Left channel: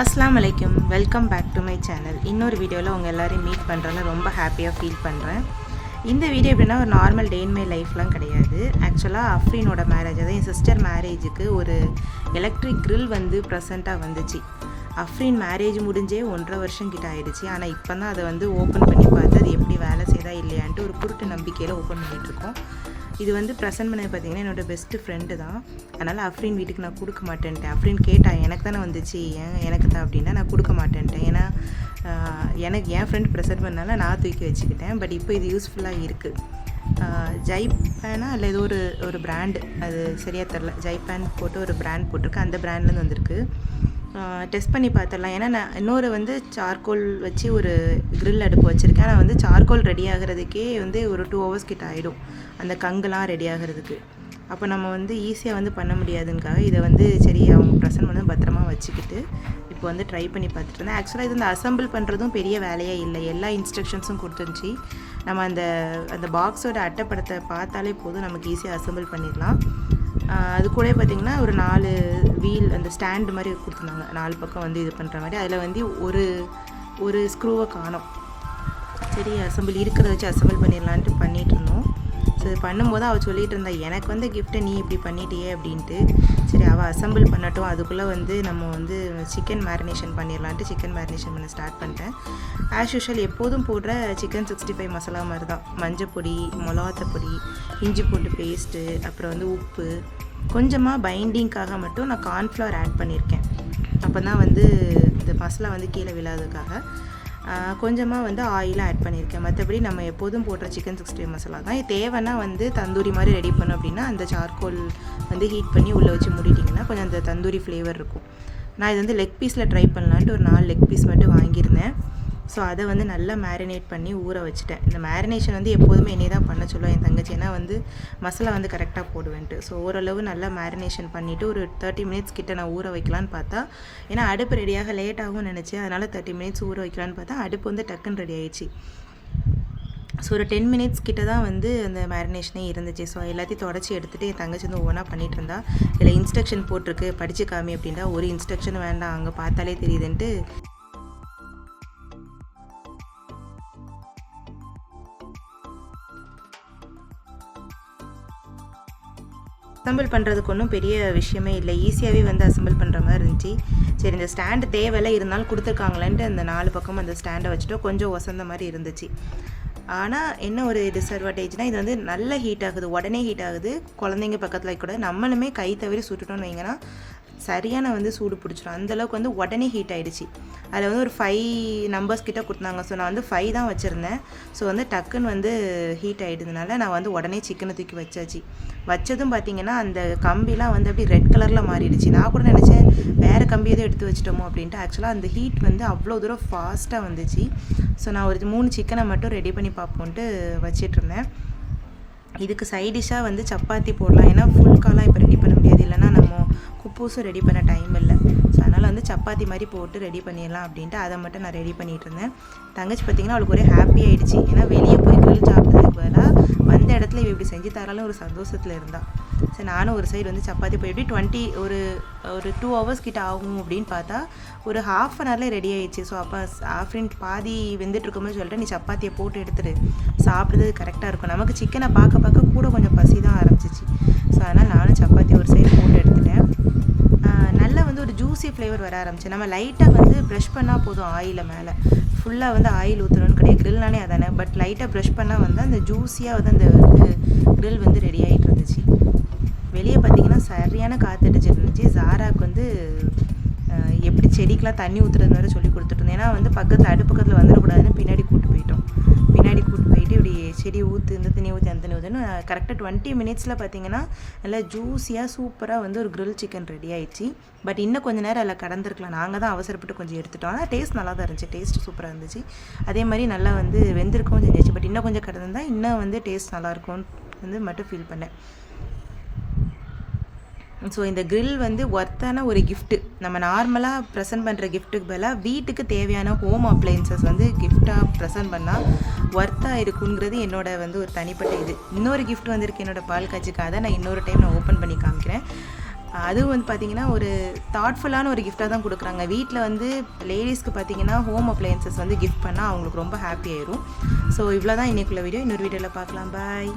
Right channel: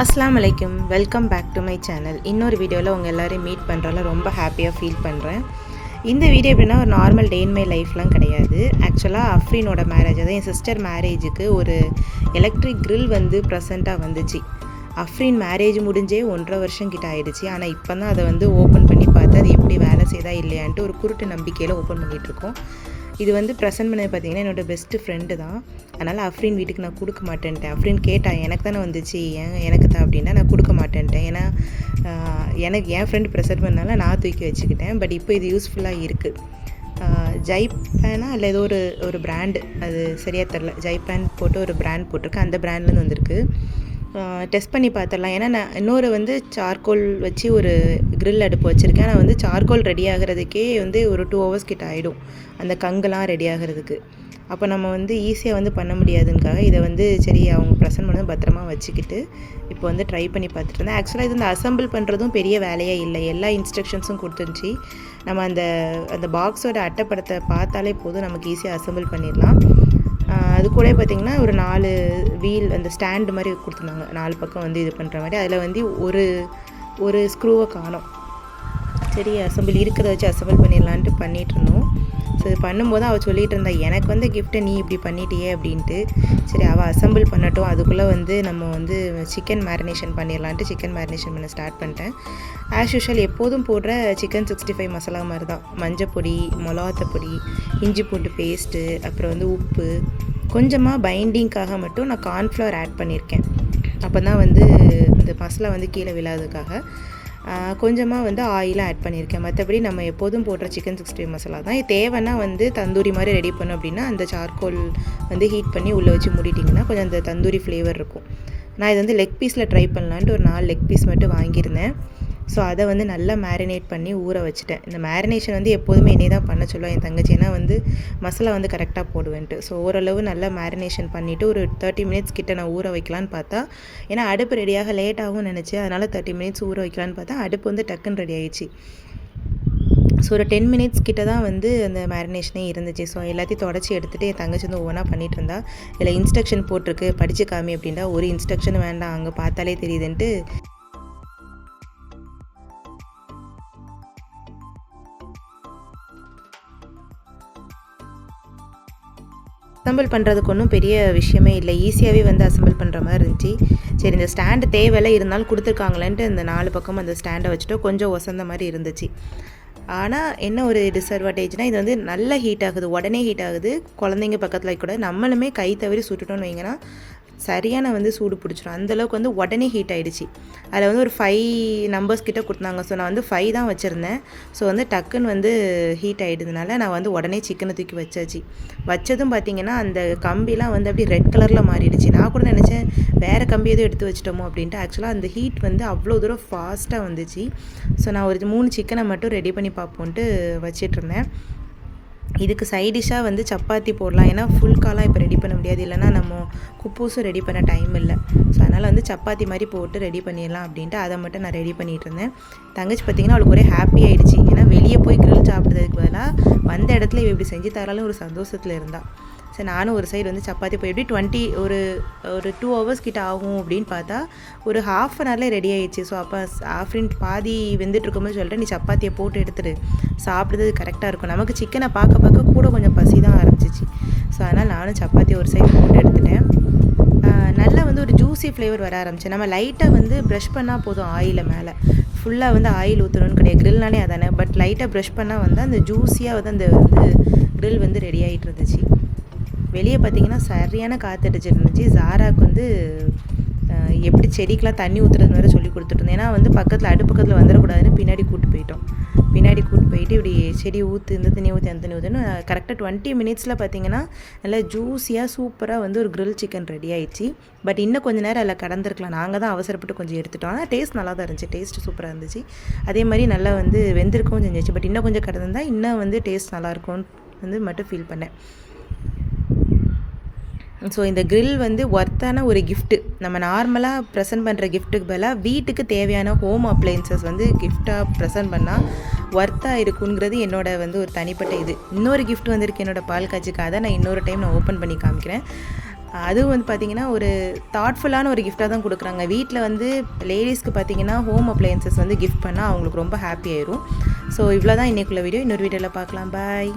அஸ்ஸலாமு அலைக்கும், welcome back to my channel. இன்னொரு வீடியோவில் உங்கள் எல்லோரையும் மீட் பண்ணுறதுல ரொம்ப ஹாப்பியாக ஃபீல் பண்ணுறேன். இந்த வீடியோ எப்படின்னா ஒரு நார்மல் டே இன் மை லைஃப்லாம் கிடையாது. ஆக்சுவலாக அஃப்ரீனோட மேரேஜ், அதாவது என் சிஸ்டர் மேரேஜுக்கு ஒரு எலக்ட்ரிக் க்ரில் வந்து ப்ரெசண்ட்டாக வந்துச்சு. அஃப்ரீன் மேரேஜ் முடிஞ்சே 1.5 வருஷம் கிட்ட ஆகிடுச்சு. ஆனால் இப்போ தான் அதை வந்து ஓப்பன் பண்ணி பார்த்து அது எப்படி வேலை செய்தா இல்லையான்ட்டு ஒரு குருட்டு நம்பிக்கையில் ஓப்பன் பண்ணிகிட்ருக்கோம். இது வந்து ப்ரெசென்ட் பண்ணது பார்த்திங்கன்னா என்னோடய பெஸ்ட்டு ஃப்ரெண்டு தான். அதனால் அஃப்ரீன் வீட்டுக்கு நான் கொடுக்க மாட்டேன்ட்டேன். அஃப்ரீன் கேட்டா, எனக்கு தானே வந்துச்சு, எனக்கு தான் அப்படின்னா நான் கொடுக்க மாட்டேன்ட்டேன். ஏன்னா எனக்கு என் ஃப்ரெண்டு ப்ரெசென்ட் பண்ணனால நான் தூக்கி வச்சுக்கிட்டேன். பட் இப்போ இது யூஸ்ஃபுல்லாக இருக்குது. ஜைப்பேனா இல்லை ஏதோ ஒரு பிராண்டு, அது சரியாக தெரில. ஜைப்பேன் போட்டு ஒரு பிராண்ட் போட்டிருக்கு, அந்த பிராண்ட்லேருந்து வந்திருக்கு. டெஸ்ட் பண்ணி பார்த்துடலாம். ஏன்னா நான் இன்னொரு வந்து சார்கோல் வச்சு ஒரு க்ரில் அடுப்பு வச்சுருக்கேன். ஆனால் வந்து சார்கோல் ரெடி ஆகிறதுக்கே வந்து ஒரு 2 hours கிட்ட ஆகிடும், அந்த கங்குலாம் ரெடி ஆகிறதுக்கு. அப்போ நம்ம வந்து ஈஸியாக வந்து பண்ண முடியாதுங்காக இதை வந்து சரி அவங்க ப்ரெசென்ட் பண்ணி பத்திரமா வச்சுக்கிட்டு இப்போ வந்து ட்ரை பண்ணி பார்த்துட்டு இருந்தேன். ஆக்சுவலாக இது இந்த அசம்பிள் பண்ணுறதும் பெரிய வேலையாக இல்லை. எல்லா இன்ஸ்ட்ரக்ஷன்ஸும் கொடுத்துருந்துச்சி. நம்ம அந்த பாக்ஸோட அட்டைப்படத்தை பார்த்தாலே போதும், நமக்கு ஈஸியாக அசம்பிள் பண்ணிடலாம். அது கூட பார்த்திங்கன்னா ஒரு 4 வீல் அந்த ஸ்டாண்டு மாதிரி கொடுத்துருந்தாங்க, 4 பக்கம் வந்து இது பண்ணுற மாதிரி. அதில் வந்து ஒரு ஸ்க்ரூவை காணோம். சரி அசம்பிள் இருக்கிறத வச்சு அசம்பிள் பண்ணிடலான்ட்டு பண்ணிகிட்டு இருந்தோம். ஸோ இது பண்ணும்போது அவள் சொல்லிகிட்டு இருந்தா, எனக்கு வந்து கிஃப்ட்டை நீ இப்படி பண்ணிட்டியே அப்படின்ட்டு. சரி அவள் அசம்பிள் பண்ணட்டும், அதுக்குள்ளே வந்து நம்ம வந்து சிக்கன் மேரினேஷன் பண்ணிடலான்ட்டு சிக்கன் மேரினேஷன் பண்ண ஸ்டார்ட் பண்ணிட்டேன். ஆஸ் யூஷுவல் எப்போதும் போடுற சிக்கன் 65 மசாலா மாதிரி தான். மஞ்சப்பொடி, மிளகாத்தப்பொடி, இஞ்சி பூண்டு பேஸ்ட்டு, அப்புறம் வந்து உப்பு, கொஞ்சமாக பைண்டிங்காக மட்டும் நான் கார்ன்ஃப்ளவர் ஆட் பண்ணியிருக்கேன். அப்போ தான் வந்து இந்த மசாலா வந்து கீழே விழாததுக்காக கொஞ்சமாக வந்து ஆயிலும் ஆட் பண்ணியிருக்கேன். மற்றபடி நம்ம எப்போதும் போடுற சிக்கன் 65 மசாலா தான். தேவைன்னா வந்து தந்தூரி மாதிரி ரெடி பண்ணோம் அப்படின்னா அந்த சார்கோல் வந்து ஹீட் பண்ணி உள்ளே வச்சு மூடிட்டிங்கன்னா கொஞ்சம் அந்த தந்தூரி ஃப்ளேவர் இருக்கும். நான் இது வந்து லெக் பீஸில் ட்ரை பண்ணலான்ட்டு ஒரு 4 லெக் பீஸ் மட்டும் வாங்கியிருந்தேன். ஸோ அதை வந்து நல்லா மேரினேட் பண்ணி ஊற வச்சுட்டேன். இந்த மேரினேஷன் வந்து எப்போதுமே என்னை தான் பண்ண சொல்லுவேன் என் தங்கச்சி, ஏன்னா வந்து மசாலா வந்து கரெக்டாக போடுவேன்ட்டு. ஸோ ஓரளவு நல்லா மேரினேஷன் பண்ணிவிட்டு ஒரு 30 minutes கிட்ட நான் ஊற வைக்கலான்னு பார்த்தா, ஏன்னா அடுப்பு ரெடியாக லேட் ஆகும்னு நினச்சேன். அதனால் 30 minutes ஊற வைக்கலான்னு பார்த்தா அடுப்பு வந்து டக்குன்னு ரெடி ஆகிடுச்சு. ஸோ ஒரு 10 minutes கிட்ட தான் வந்து அந்த மேரினேஷனே இருந்துச்சு. ஸோ எல்லாத்தையும் தொடச்சி எடுத்துகிட்டு என் தங்கச்சி வந்து ஒவ்வொன்றா பண்ணிகிட்டு இருந்தா. இதில் இன்ஸ்ட்ரக்ஷன் போட்டிருக்கு, படித்து காமி அப்படின்னா ஒரு இன்ஸ்ட்ரக்ஷன் வேண்டாம், அங்கே பார்த்தாலே தெரியுதுன்ட்டு அசம்பிள் பண்ணுறதுக்கு ஒன்றும் பெரிய விஷயமே இல்லை, ஈஸியாகவே வந்து அசம்பிள் பண்ணுற மாதிரி இருந்துச்சு. சரி இந்த ஸ்டாண்டு தேவையில்லை, இருந்தாலும் கொடுத்துருக்காங்களேன்ட்டு அந்த 4 பக்கம் அந்த ஸ்டாண்டை வச்சுட்டு கொஞ்சம் ஒசந்த மாதிரி இருந்துச்சு. ஆனால் என்ன ஒரு டிஸ்அட்வான்டேஜ்னால் இது வந்து நல்ல ஹீட் ஆகுது, உடனே ஹீட் ஆகுது. குழந்தைங்க பக்கத்தில் கூட நம்மளுமே கை தவறி சுட்டுட்டோன்னு வைங்கன்னா சரியான வந்து சூடு பிடிச்சிடும். அந்தளவுக்கு வந்து உடனே ஹீட் ஆகிடுச்சு. அதில் வந்து ஒரு 5 நம்பர்ஸ் கிட்ட கொடுத்தாங்க. ஸோ நான் வந்து 5 தான் வச்சுருந்தேன். ஸோ வந்து டக்குன்னு வந்து ஹீட் ஆகிடுதுனால நான் வந்து உடனே சிக்கனை தூக்கி வச்சதும் பார்த்திங்கன்னா அந்த கம்பிலாம் வந்து அப்படி ரெட் கலரில் மாறிடுச்சு. நான் கூட நினச்சேன் வேறு கம்பி எதுவும் எடுத்து வச்சிட்டோமோ அப்படின்ட்டு. ஆக்சுவலாக அந்த ஹீட் வந்து அவ்வளோ தூரம் ஃபாஸ்ட்டாக வந்துச்சு. ஸோ நான் ஒரு 3 சிக்கனை மட்டும் ரெடி பண்ணி பார்ப்போன்ட்டு வச்சிட்ருந்தேன். இதுக்கு சைடிஷ்ஷாக வந்து சப்பாத்தி போடலாம், ஏன்னா ஃபுல் காலாக இப்போ ரெடி பண்ண முடியாது, இல்லைனா நம்ம குப்பூஸும் ரெடி பண்ண டைம் இல்லை. ஸோ அதனால் வந்து சப்பாத்தி மாதிரி போட்டு ரெடி பண்ணிடலாம் அப்படின்ட்டு அதை மட்டும் நான் ரெடி பண்ணிகிட்டு இருந்தேன். தங்கச்சி பார்த்திங்கன்னா அவளுக்கு ஒரே ஹாப்பி ஆகிடுச்சு. ஏன்னா வெளியே போய் க்ரில் சாப்பிட்டதுக்கு பதிலாக வந்த இடத்துல இப்படி செஞ்சு தராலும் ஒரு சந்தோஷத்தில் இருந்தாள். சரி நானும் ஒரு சைடு வந்து சப்பாத்தி போய் எப்படி ஒரு 2 hours கிட்ட ஆகும் அப்படின்னு பார்த்தா ஒரு 1/2 an hourல ரெடி ஆகிடுச்சு. ஸோ அப்போ ஆஃப்ரின் பாதி வெந்துட்டுருக்கும்போது சொல்லிட்டு நீ சப்பாத்தியை போட்டு எடுத்துட்டு சாப்பிடுறது கரெக்டாக இருக்கும். நமக்கு சிக்கனை பார்க்க கூட கொஞ்சம் பசி தான் ஆரம்பிச்சிச்சு. ஸோ அதனால் நானும் சப்பாத்தி ஒரு சைடு போட்டு எடுத்துட்டேன். நல்லா வந்து ஒரு ஜூஸி ஃப்ளேவர் வர ஆரம்பிச்சு. நம்ம லைட்டாக வந்து ப்ரஷ் பண்ணால் போதும், ஆயிலில் மேலே ஃபுல்லாக வந்து ஆயில் ஊற்றணும்னு கிடையாது, க்ரில்னாலே அதானே. பட் லைட்டாக ப்ரஷ் பண்ணால் வந்து அந்த ஜூஸியாக வந்து அந்த க்ரில் வந்து ரெடி ஆகிட்டு இருந்துச்சு. வெளியே பார்த்திங்கன்னா சரியான காற்றடிச்சிட்டு இருந்துச்சு. ஜாராக்கு வந்து எப்படி செடிக்கெலாம் தண்ணி ஊற்றுறது மாதிரி சொல்லி கொடுத்துட்ருந்தேன். ஏன்னா வந்து அடுப்பு பக்கத்தில் வந்துடக்கூடாதுன்னு பின்னாடி கூப்பிட்டு போயிட்டு இப்படி செடி ஊற்று, இந்த தண்ணி ஊற்றி அந்த தண்ணி ஊற்றுன்னு கரெக்டாக 20 minutesல பார்த்திங்கன்னா நல்லா ஜூஸியாக சூப்பராக வந்து ஒரு க்ரில் சிக்கன் ரெடி ஆகிடுச்சு. பட் இன்னும் கொஞ்சம் நேரம் அதில் கடந்திருக்கலாம், நாங்கள் தான் அவசரப்பட்டு கொஞ்சம் எடுத்துட்டோம். ஆனால் டேஸ்ட் நல்லா தான் இருந்துச்சு, டேஸ்ட்டு சூப்பராக இருந்துச்சு. அதே மாதிரி நல்லா வந்து வெந்திருக்கவும் செஞ்சிச்சு. பட் இன்னும் கொஞ்சம் கடந்திருந்தால் இன்னும் வந்து டேஸ்ட் நல்லாயிருக்கும்னு வந்து மட்டும் ஃபீல் பண்ணேன். ஸோ இந்த க்ரில் வந்து ஒர்த்தான ஒரு கிஃப்ட்டு. நம்ம நார்மலாக ப்ரெசென்ட் பண்ணுற கிஃப்ட்டுக்கு பதிலாக வீட்டுக்கு தேவையான ஹோம் அப்ளையன்சஸ் வந்து கிஃப்டாக ப்ரெசென்ட் பண்ணால் ஒர்த்தாக இருக்குங்கிறது என்னோட வந்து ஒரு தனிப்பட்ட இது. இன்னொரு கிஃப்ட் வந்திருக்கு என்னோடய பால் காய்ச்சிக்கு, அதை நான் இன்னொரு டைம் நான் ஓப்பன் பண்ணி காமிக்கிறேன். அதுவும் வந்து பார்த்திங்கன்னா ஒரு தாட்ஃபுல்லான ஒரு கிஃப்டாக தான் கொடுக்குறாங்க. வீட்டில் வந்து லேடிஸ்க்கு பார்த்திங்கன்னா ஹோம் அப்ளையன்சஸ் வந்து கிஃப்ட் பண்ணால் அவங்களுக்கு ரொம்ப ஹாப்பி ஆயிரும். ஸோ இவ்வளோ தான் இன்றைக்குள்ள வீடியோ. இன்னொரு வீடியோவில் பார்க்கலாம். பாய்.